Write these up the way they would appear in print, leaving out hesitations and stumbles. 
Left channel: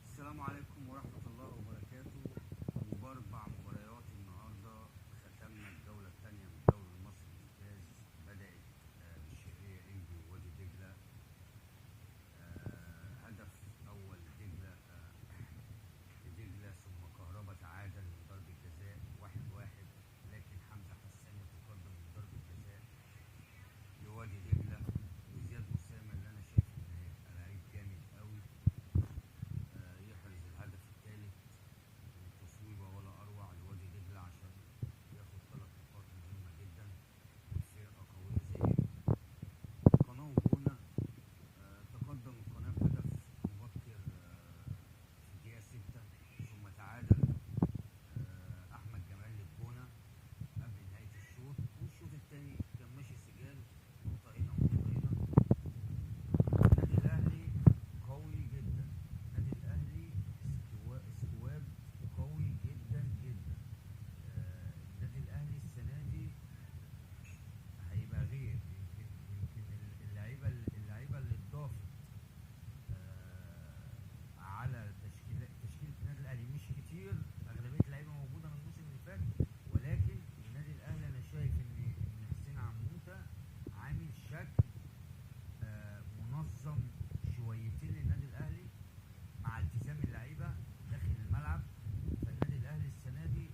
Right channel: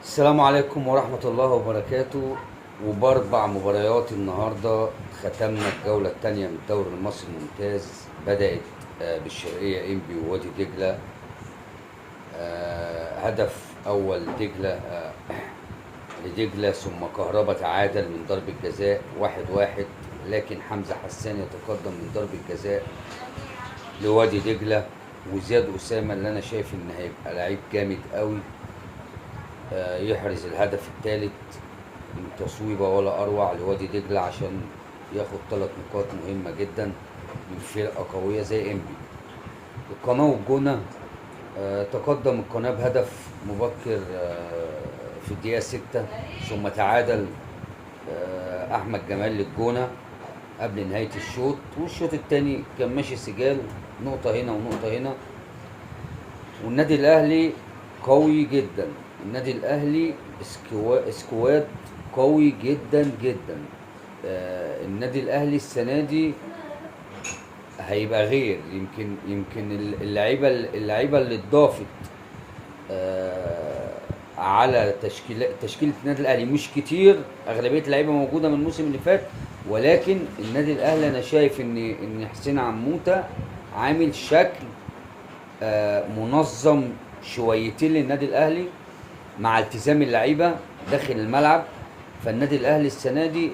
السلام عليكم ورحمة الله وبركاته. وبأربع مباريات النهاردة ختمنا الجولة الثانية من الدوري المصري الممتاز. بدأت بالشرقية إنبي ووادي دجلة. هدف أول دجلة لدجلة، ثم كهربا تعادل من ضربة جزاء 1-1، لكن حمزة حسان يتقدم من ضربة جزاء لوادي دجلة. وزياد أسامة اللي أنا شايف إن هيبقى لعيب جامد قوي يحرز الهدف الثالث من تصويبه ولا اروع لوادي دجله عشان ياخد 3 نقاط مهمه جدا من فرقه قويه زي انبي. القناه والجونه تقدم القناه بهدف مبكر في الدقيقه 6، ثم تعادل احمد جمال للجونه قبل نهايه الشوط، والشوط الثاني كان ماشي سجال، نقطه هنا ونقطه هنا. والنادي الاهلي قوي جدا، النادي الاهلي سكواد قوي جدا جدا. النادي الاهلي السنه دي هيبقى غير، يمكن اللعيبه اللي اتضافت على تشكيله النادي الاهلي مش كتير، اغلبيه اللعيبه موجوده من الموسم اللي فات، ولكن النادي الاهلي انا شايف ان حسين عموته عامل شكل منظم شويتين للنادي الاهلي مع التزام اللعيبه داخل الملعب. فالنادي الاهلي السنه دي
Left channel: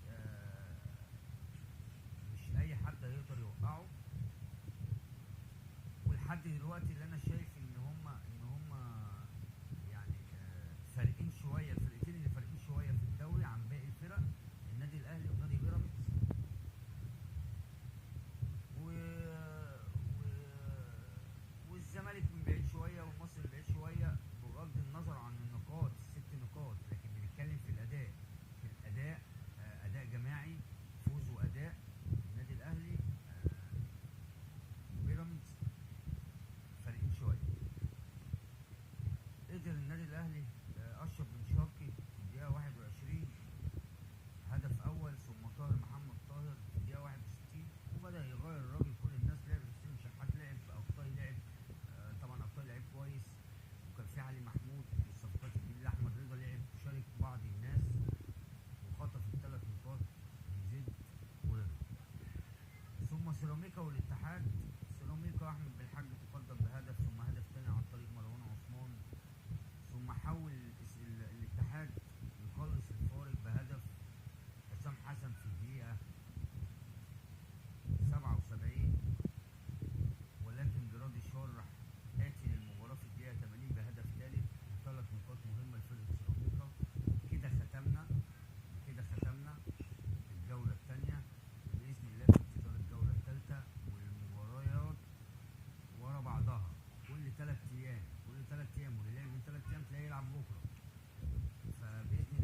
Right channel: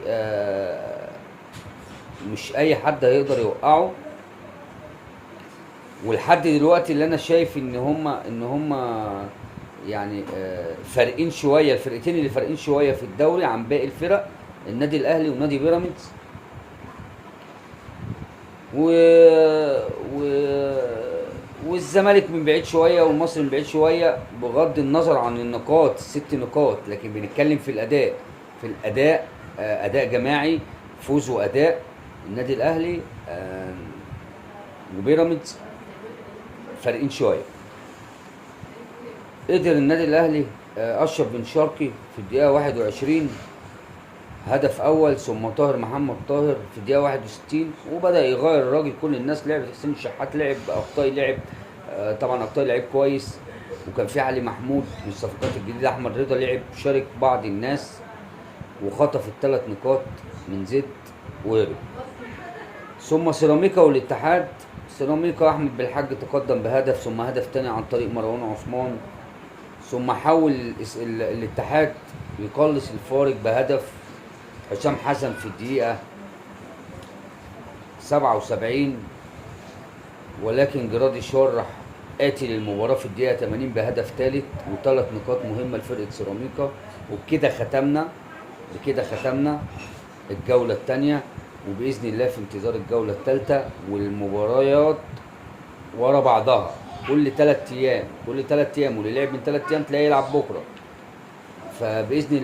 مش اي حد هيقدر يوقعه. ولحد دلوقتي اللي انا شايف ان هم يعني فارقين شويه، الفرقتين اللي فارقين شويه في الدوري عن باقي الفرق النادي الاهلي ونادي بيراميدز. و... و... والزمالك من بعيد شويه والمصري من بعيد شويه، بغض النظر عن النقاط ال6 نقاط، لكن بنتكلم في الاداء. اداء جماعي، فوز واداء. النادي الاهلي وبيراميدز فارقين شويه. قدر النادي الاهلي اشرف بن شرقي في الدقيقه 21 هدف اول، ثم طاهر محمد طاهر في الدقيقه 61، وبدا يغير الراجل. كل الناس لعبت، حسين الشحات لعب، اخطاي لعب، طبعا اخطاي لعب كويس، وكان في علي محمود من الصفقات الجديده، احمد رضا لعب، شارك بعض الناس وخطف ال3 نقاط من زد وهرب. ثم سيراميكا والاتحاد. سيراميكا احمد بالحاج تقدم بهدف، ثم هدف تاني عن طريق مروان عثمان، ثم حاول الاتحاد يقلص الفارق بهدف حسام حسن في الدقيقة 77، ولكن جرادي شرح آتي للمباراة في الدقيقة 80 بهدف ثالث و3 نقاط مهمة لفرقة سيراميكا. وبكده ختمنا الجولة الثانية، وبإذن الله في انتظار الجولة الثالثة والمباريات ورا بعضها كل 3 أيام، واللي لعب من 3 أيام تلاقيه يلعب بكرة. فبإذن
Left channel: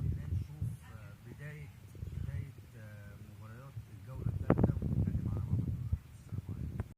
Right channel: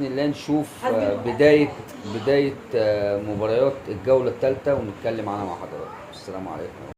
الله نشوف بداية مباريات الجولة الثالثة ونتكلم عنها مع حضراتكم. السلام عليكم.